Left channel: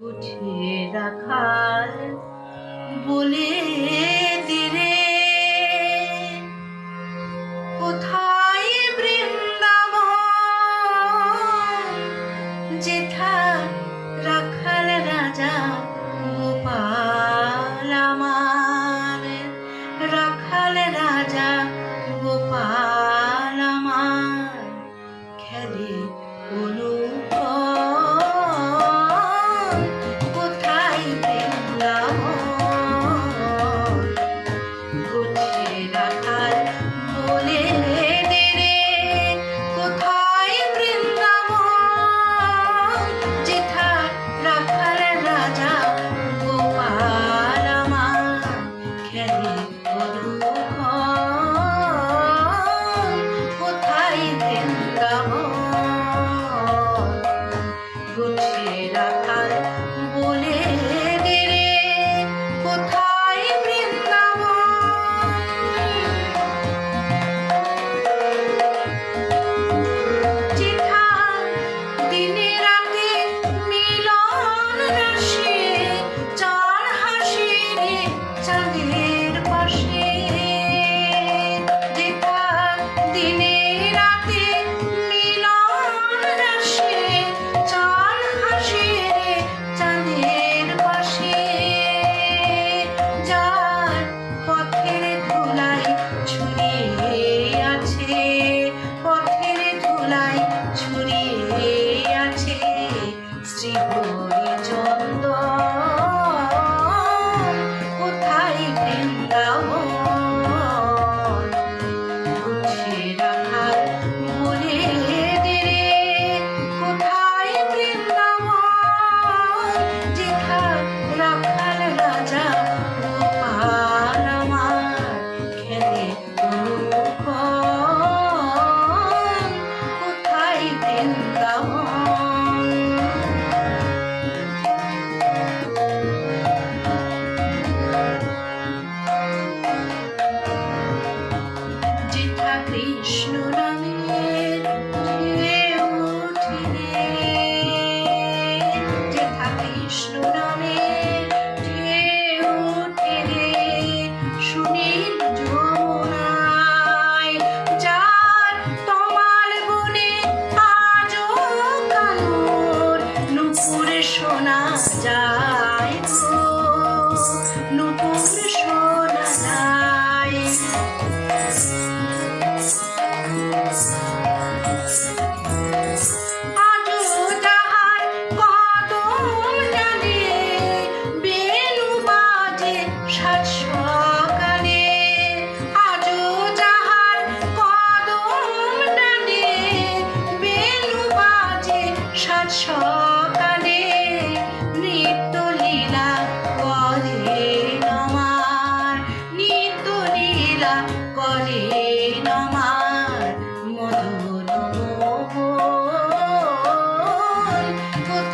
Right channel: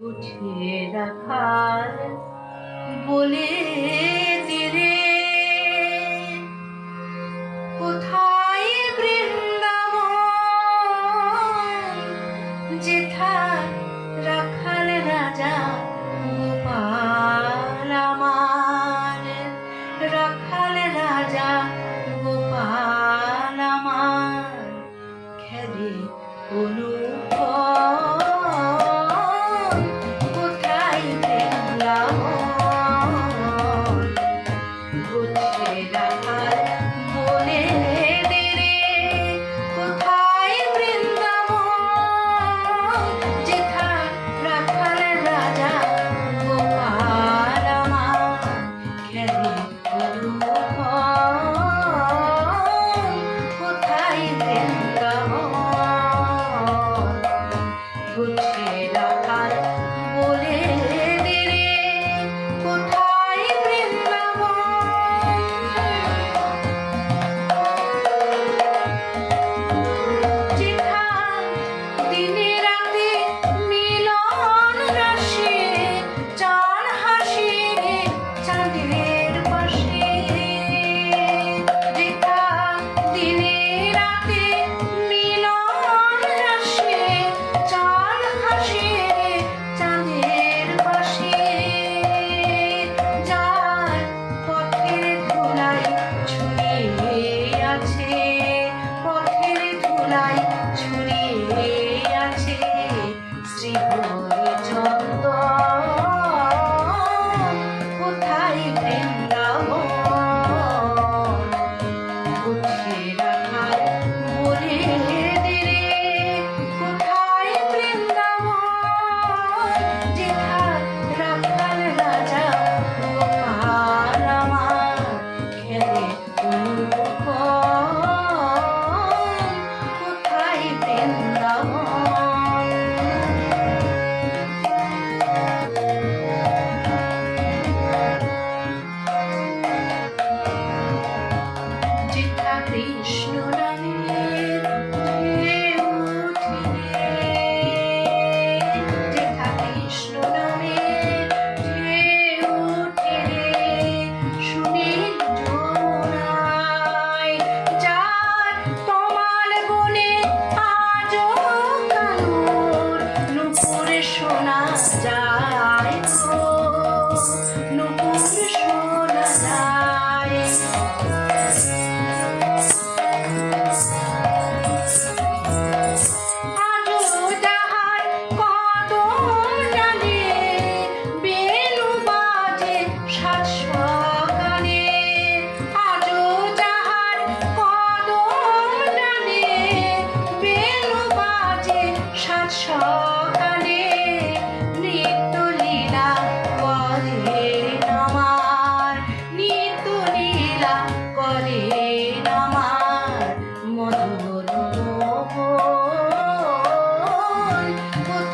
উঠিয়ে রাখার বলে দিলে Krishna. amor.